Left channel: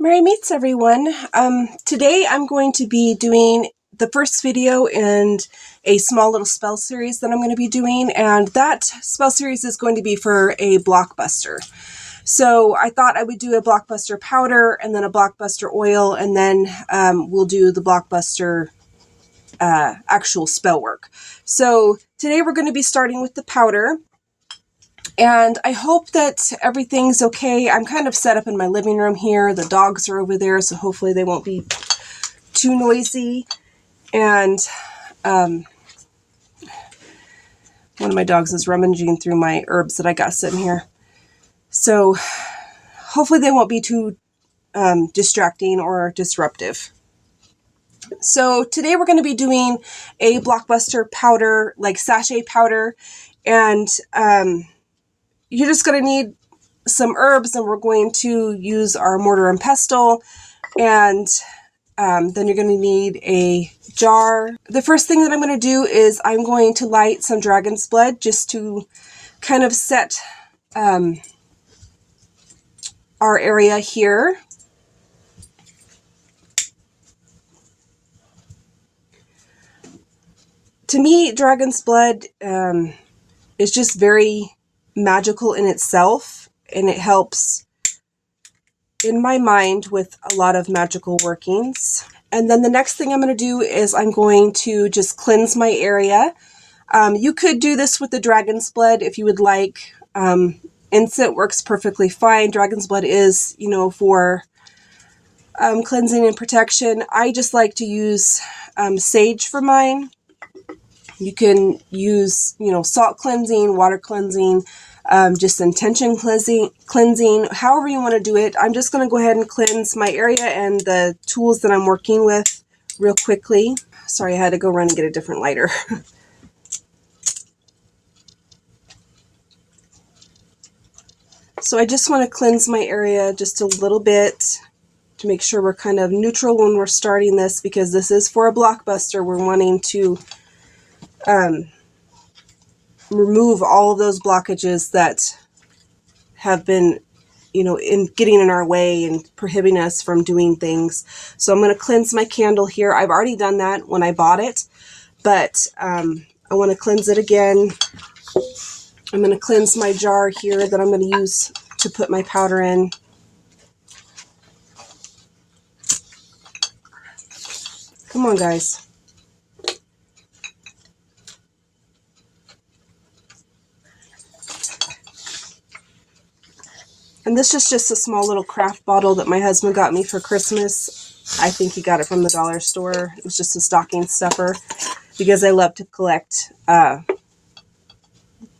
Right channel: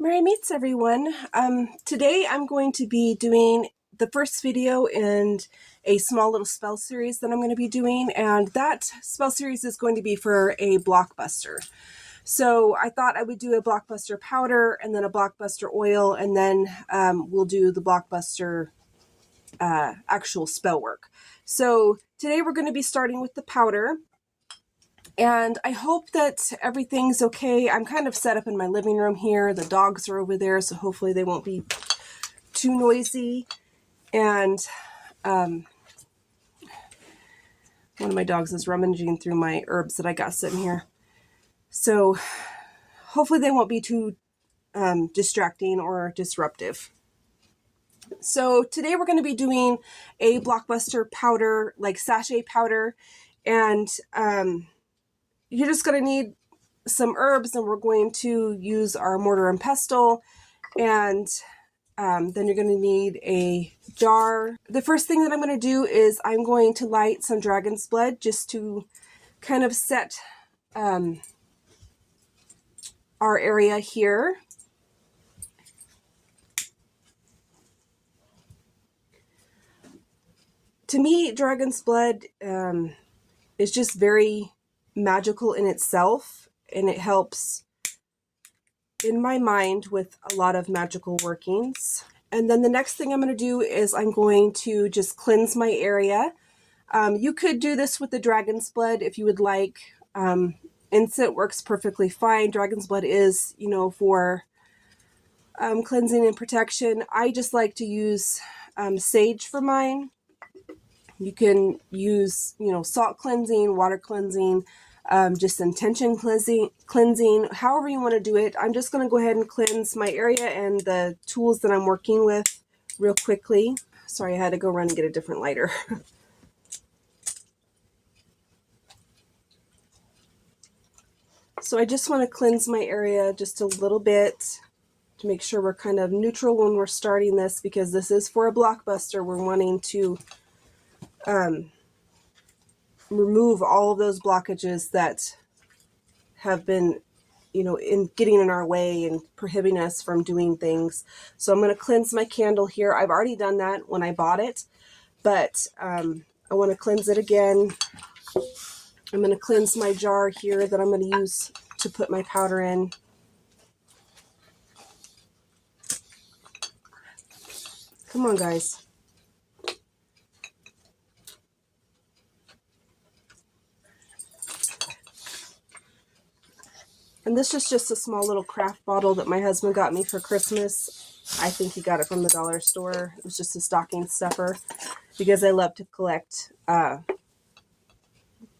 Merry meets everyone. Today I'm going to be doing the first video in a small little spell series that I'm going to be doing, and that spell series is going to be for a blockbuster. So I thought I would do a blockbuster powder and then a blockbuster oil, and then we'll do the blockbuster actual spell work. So today we're going to be starting with the powder. And I hope that everything's okay. I'm kind of set up in my living room here. The dogs are over there, so hopefully they won't be too noisy. And one of my dogs is rummaging through my herbs that I got sitting here. So hopefully they won't be too distracting or disruptive. So today we're going to be doing a blockbuster powder, like sachet powder. And you're just going to need some herbs, and we're going to use our mortar and pestle, and then you're going to need a jar. The first thing that I'm going to do is I'm going to light some dragon's blood just to kind of set our area here. To me, dragon's blood is just very magical in itself, and it helps in my mind with a lot of magical workings. And then the next thing I'm going to do is I'm going to just cleanse my area. You could do this with the dragon's blood if you would like. Incense works perfectly fine. Dragon's blood is, for cleansing and protection. I just like to use sage for mine. You can use, salt cleansing, water cleansing, just intention cleansing, however you want to do it. I'm just going to go ahead and cleanse my area and the tools that I'm working with real quickly. Sorry, I had to go run and get a different lighter. So I just want to cleanse my area just a little bit to make sure we're kind of neutral when we're starting this, because this is for a blockbuster. We're wanting to remove all of those blockages that have been, in getting in our way and prohibiting us from doing things. So I'm going to cleanse my candle here. I've already done that when I bought it, but I want to cleanse it again. I'm going to cleanse my jar here that I'm going to use to put my powder in. Come on, guys. And this is just a small little craft bottle that my husband got me for Christmas. I think he got it from the dollar store. It was just a stocking stuffer because I love to collect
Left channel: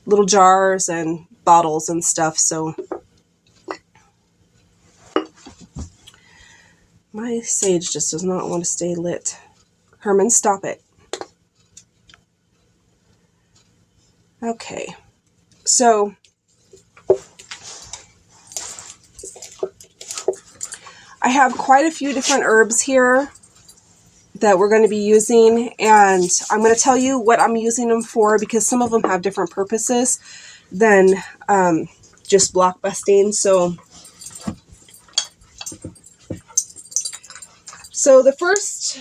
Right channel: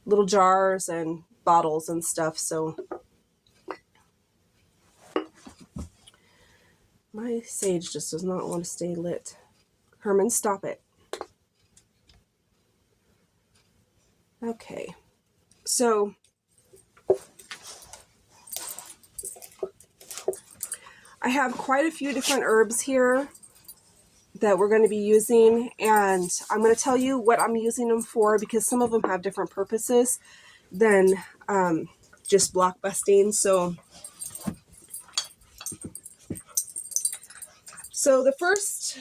little jars and bottles and stuff. So my sage just does not want to stay lit. Herman, stop it. Okay, so I have quite a few different herbs here that we're going to be using, and I'm going to tell you what I'm using them for, because some of them have different purposes than just block busting. So the first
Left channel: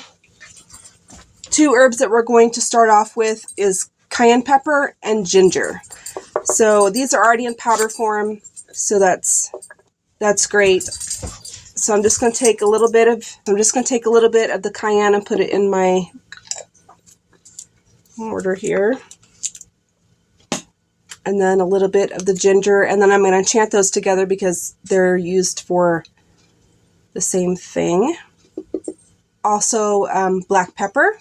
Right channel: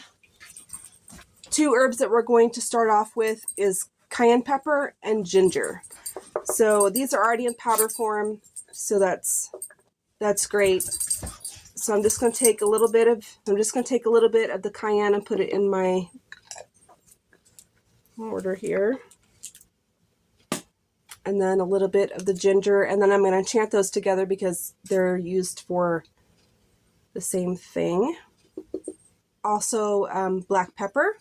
two herbs that we're going to start off with is cayenne pepper and ginger. So these are already in powder form, so that's great. So I'm just going to take a little bit of the cayenne and put it in my mortar here. And then a little bit of the ginger, and then I'm going to enchant those together because they're used for the same thing. Also, black pepper.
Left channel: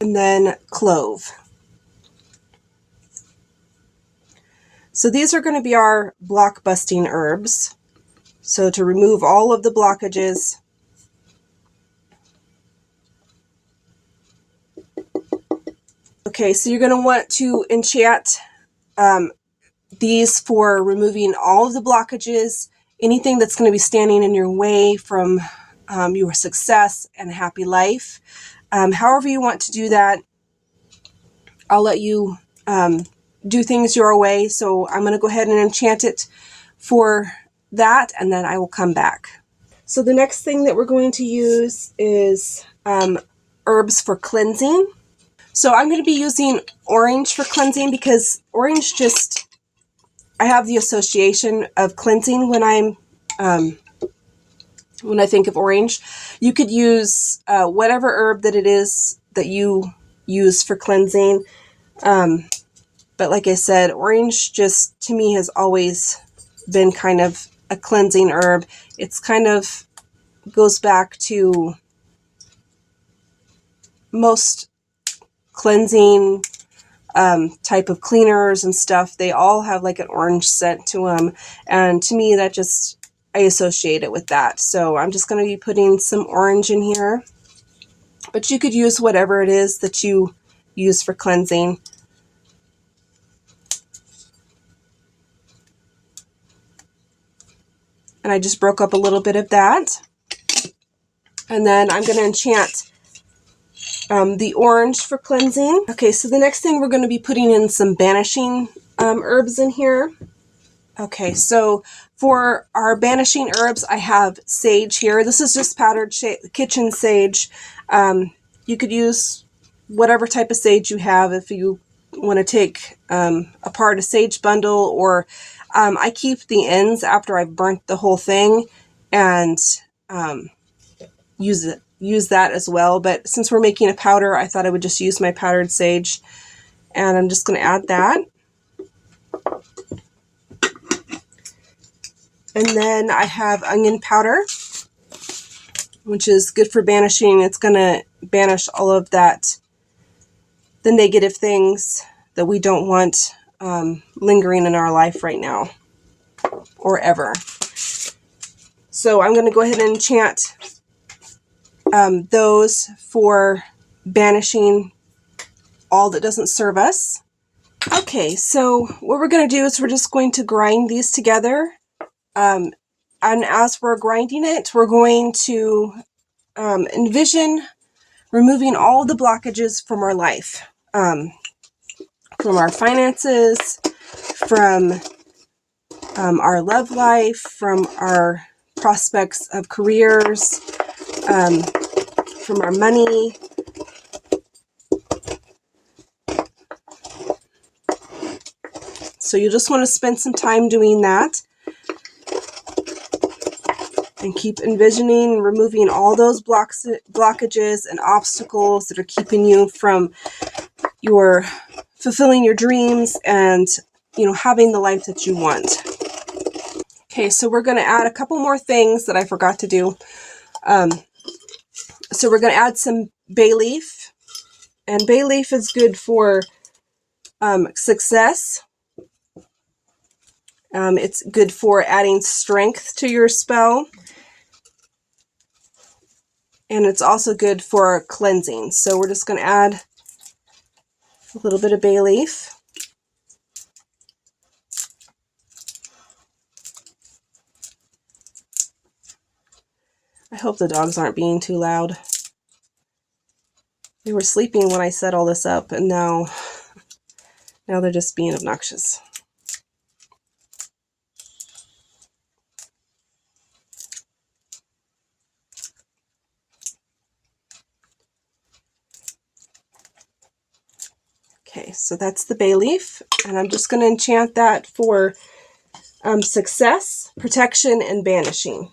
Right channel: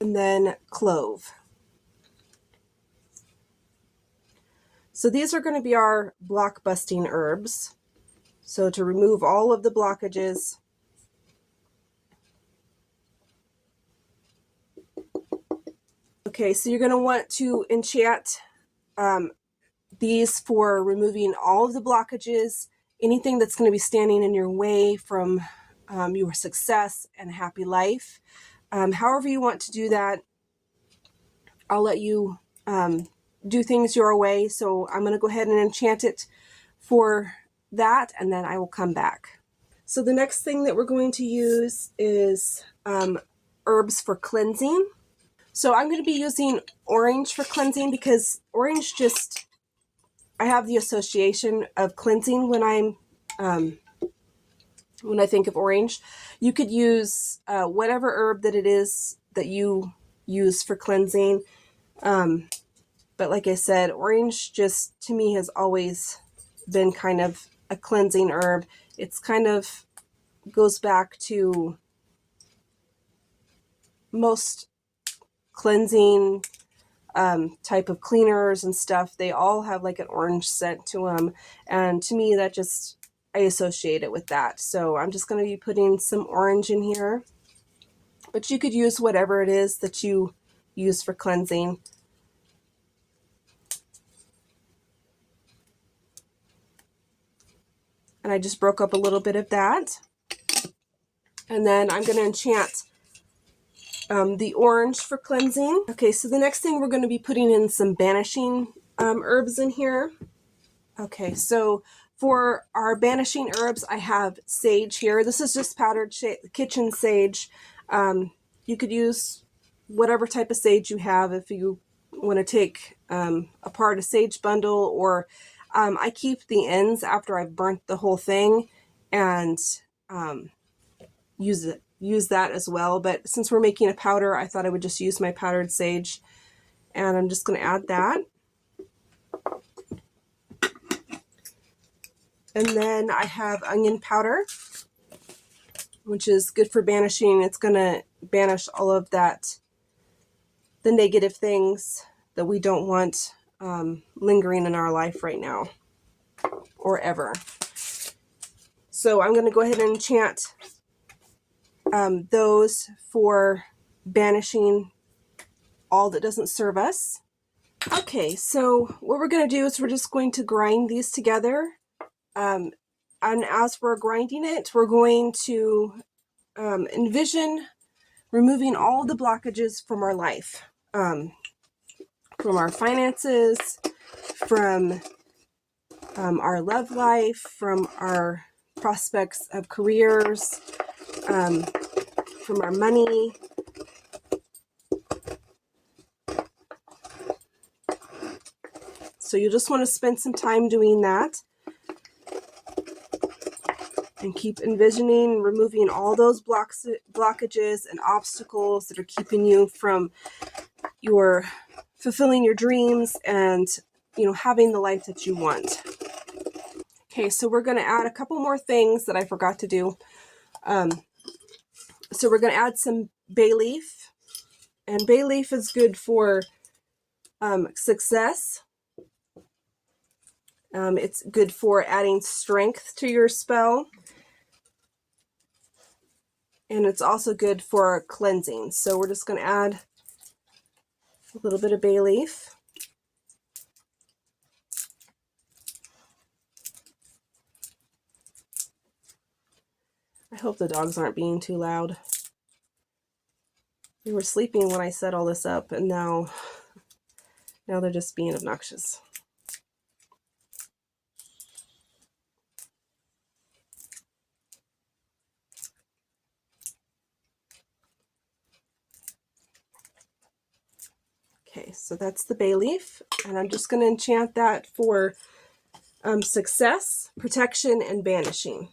And then clove. So these are going to be our block busting herbs. So to remove all of the blockages. Okay, so you're going to want to enchant these for removing all of the blockages anything that's going to be standing in your way from your success and happy life. However you want to do that, I'll let you do things your way. So I'm going to go ahead and enchant it for that, and then I will come back. So the next thing that we're going to use is herbs for cleansing. So I'm going to be using orange for cleansing because orange just, I have the association of cleansing when I think of orange. You could use whatever herb that it is that you use for cleansing. But like I said, orange just to me has always been kind of a cleansing herb. It's kind of goes back to most cleansing type of cleaners and stuff. They all have like an orange scent to them. And to me, that just, I associate it with that. So I'm just going to be putting some orange in here. But you could use whatever it is that you use for cleansing. And I just broke up a little bit of that. And then I'm going to enchant the orange for cleansing. Okay, so the next thing we're going to be putting in some banishing herbs in here. Okay, so for our banishing herbs, I have sage here. This is just powdered kitchen sage. You could use whatever type of sage you have if you want to take apart a sage bundle, or I keep the ends after I've burnt the whole thing and use that as well. But since we're making a powder, I thought I would just use my powdered sage, and I'm just going to add that. And then I have onion powder, which is good for banishing. It's going to banish all of that, the negative things that we don't want lingering in our life right now or ever. So I'm going to go ahead and enchant those for banishing all that doesn't serve us. Okay, so what we're going to do is we're just going to grind these together. And as we're grinding it, we're going to envision removing all the blockages from our life, from our finances, from our love life, from our prospects of careers, from our money. So you just want to spend some time doing that and keep envisioning removing all those blockages and obstacles that are keeping you from your fulfilling your dreams and, you know, having the life that you want. Okay, so we're going to add a couple more things that I forgot to do. So we're going to add some bay leaf, and bay leaf is good for success. It's good for adding strength to your spell. And it's also good for cleansing. So we're just going to add a little bit of bay leaf. I hope the dogs aren't being too loud. They were sleeping when I set all this up, and now they're just being obnoxious. Okay, so that's the bay leaf, and I'm just going to enchant that for success, protection, and banishing,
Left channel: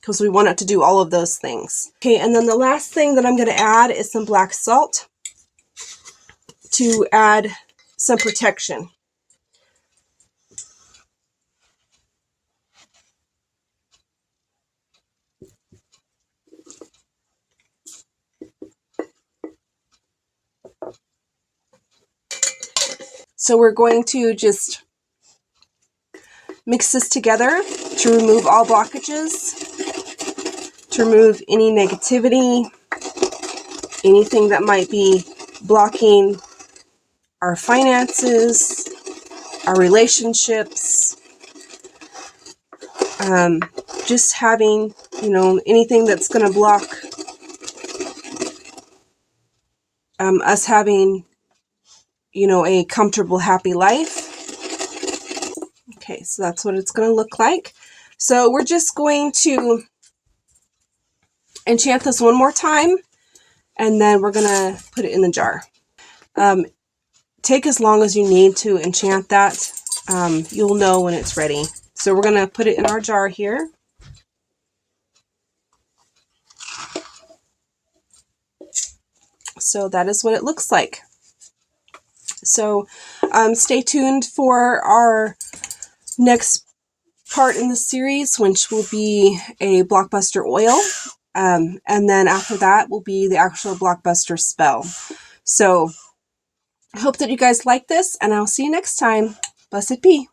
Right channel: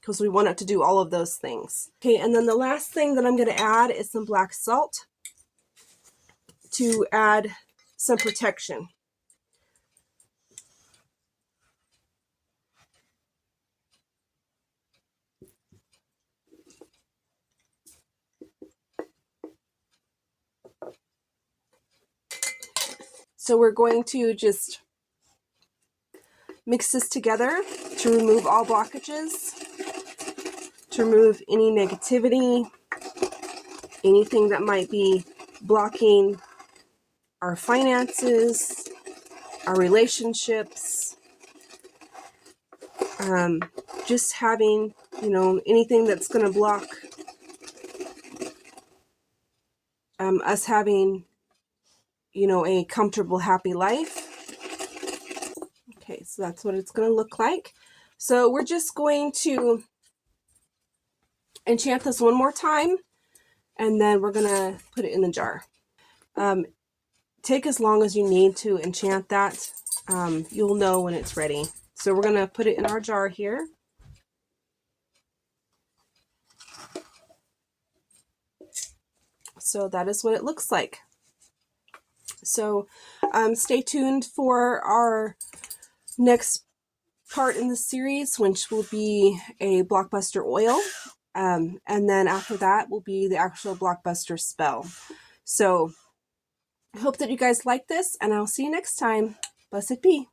because we want it to do all of those things. Okay, and then the last thing that I'm going to add is some black salt to add some protection. So we're going to just mix this together to remove all blockages, to remove any negativity, anything that might be blocking our finances, our relationships, just having, you know, anything that's going to block us having, you know, a comfortable, happy life. Okay, so that's what it's going to look like. So we're just going to enchant this one more time, and then we're going to put it in the jar. Take as long as you need to enchant that. You'll know when it's ready. So we're going to put it in our jar here. So that is what it looks like. So stay tuned for our next part in the series, which will be a blockbuster oil. And then after that will be the actual blockbuster spell. So I hope that you guys like this, and I'll see you next time. Blessed be.